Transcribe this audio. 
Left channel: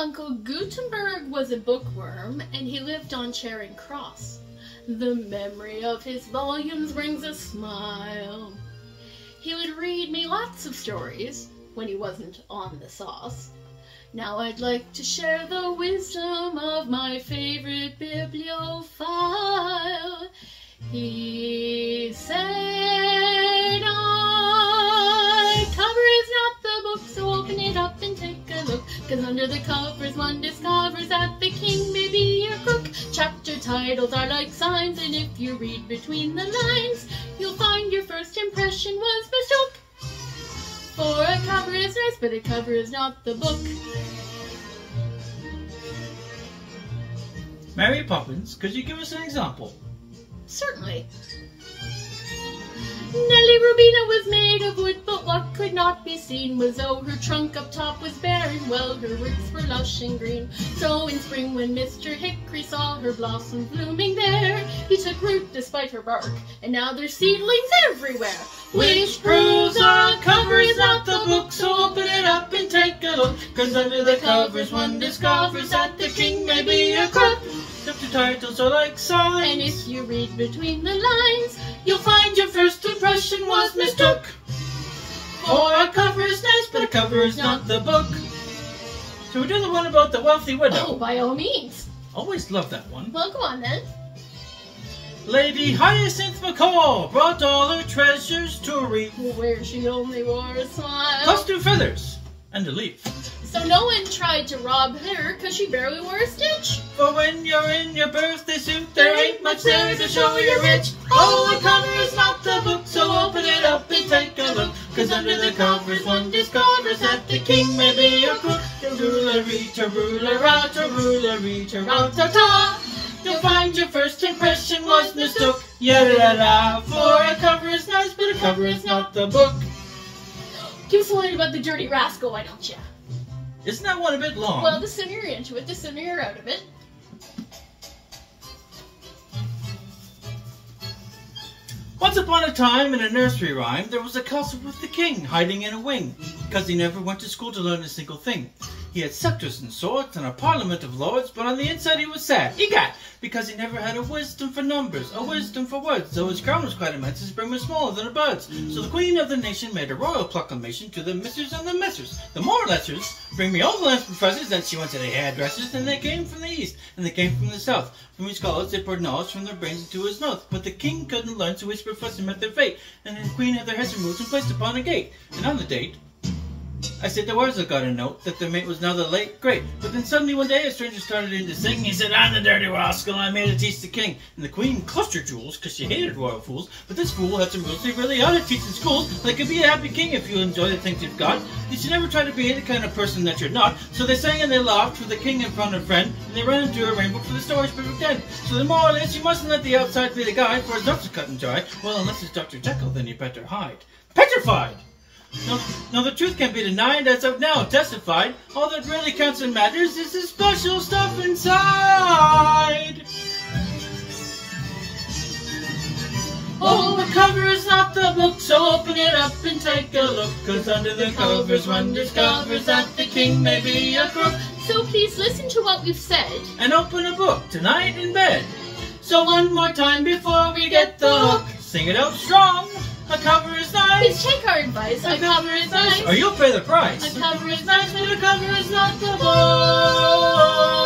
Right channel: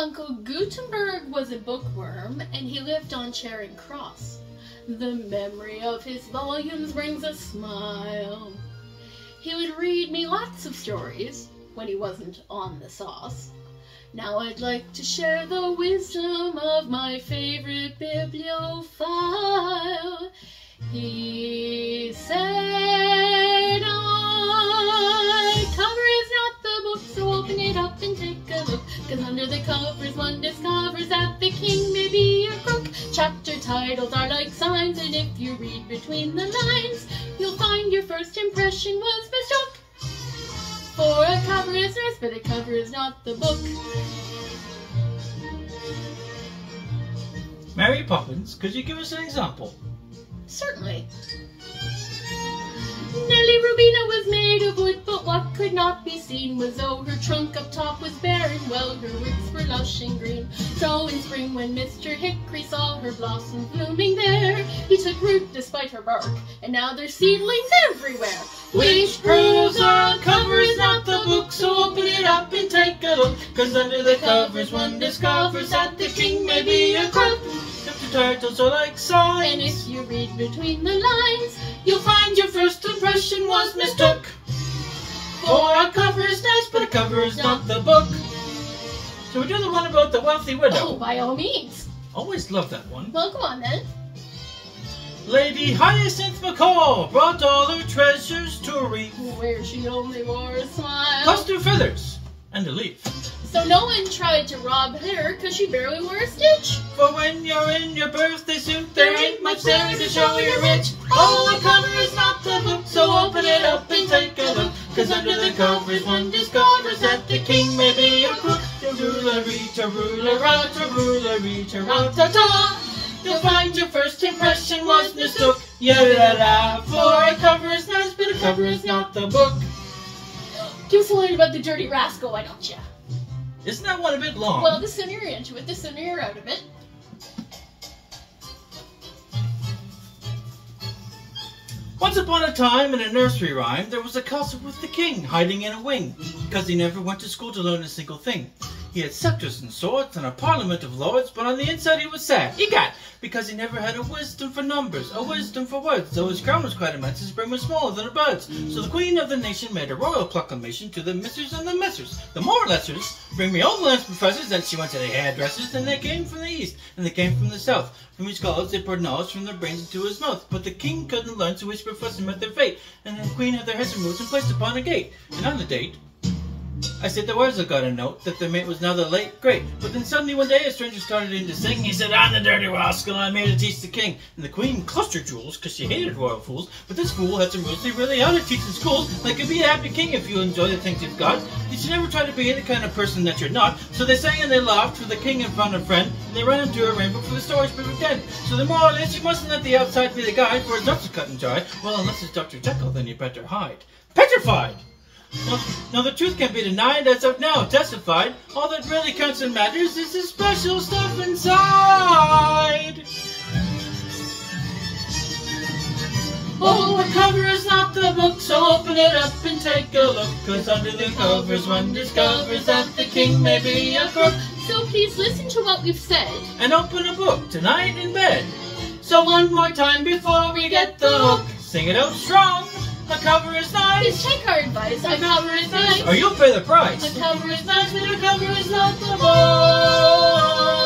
Uncle Gutenberg was a bookworm, and he lived on Charing Cross. The memory of his volumes brings a smile. He would read me lots of stories when he wasn't on the sauce. Now I'd like to share the wisdom of my favorite bibliophile. He said, cover is not the book, so open it up and take a look. 'Cause under the covers one discovers that the king may be a crook. Chapter titles are like signs, and if you read between the lines, you'll find your first impression was mistook. For a cover is nice, but a cover is not the book. Mary Poppins, could you give us an example? Certainly. Nelly Rubina was made of wood, but what could not be seen was though her trunk up top was bare, and well her roots were lush and green. So in spring when Mr. Hickory saw her blossoms blooming there, he took root despite her bark, and now there's seedlings everywhere. Which proves a cover is not the book, so open it up and take a look. 'Cause under the covers one discovers that the king may be a crook. Chapter titles are like signs, And if you read between the lines, you'll find your first impression was mistook. For a cover is nice, but a cover is not the book. Shall we do the one about the wealthy widow? oh, by all means. Always loved that one. Well, go on then. Lady Hyacinth Macaw brought all her treasures to a reef, Where she only wore a smile. plus 2 feathers and a leaf. So no one tried to rob her, 'cause she barely wore a stitch. For when you're in your birthday suit, there ain't much there to show you're rich. Oh, a cover is not the book, so open it up and take a look. 'Cause under the covers one discovers that the king may be a crook. Ta-roo-la-ree-ta-roo-la-ree-ta-roo-ta-ta. You'll find your first impression was mistook. Ya-da-da-da. For a cover is nice, but a cover is not the book. Give us a line about the dirty rascal, why don't you? Isn't that one a bit long? Well, the sooner you're into it, the sooner you're out of it. Once upon a time, in a nursery rhyme, there was a castle with the king hiding in a wing, because he never went to school to learn a single thing. He had scepters and swords and a parliament of lords, but on the inside he was sad, egad, because he never had a wisdom for numbers, a wisdom for words. Though his crown was quite immense, his brim was smaller than a bird's. So the queen of the nation made a royal proclamation to the misters and the messers, the more or lessers, bring me all the last professors. Then she went to the hairdressers, and they came from the east, and they came from the south. From each college they poured knowledge from their brains into his mouth. But the king couldn't learn, so each professor met their fate, and the queen had their heads removed and placed upon a gate. And on the date, I said the words got a note that their mate was now the late great. But then suddenly one day a stranger started in to sing. He said, "I'm the dirty rascal, I made to teach the king." And the queen clutched her jewels, because she hated royal fools. But this fool had some rules he really had to teach in schools. Like, to be a happy king if you enjoy the things you've got, you should never try to be the kind of person that you're not. So they sang and they laughed for the king in front of friend, and they ran into a rainbow for the story's perfect end. So the moral is, you mustn't let the outside be the guide, for his nose is cut and dry. Well, unless it's Dr. Jekyll, then you better hide. Petrified! Now the truth can't be denied, as I've now testified. All that really counts and matters is the special stuff inside. Oh, the cover is not the book, so open it up and take a look. 'Cause under the covers one discovers that the king may be a crook. So please listen to what we've said. And open a book tonight in bed. So one more time before we get the hook, sing it out strong. A cover is nice. Please take our advice. A cover is nice. Or you'll pay the price. A cover is nice, And a cover is not the book.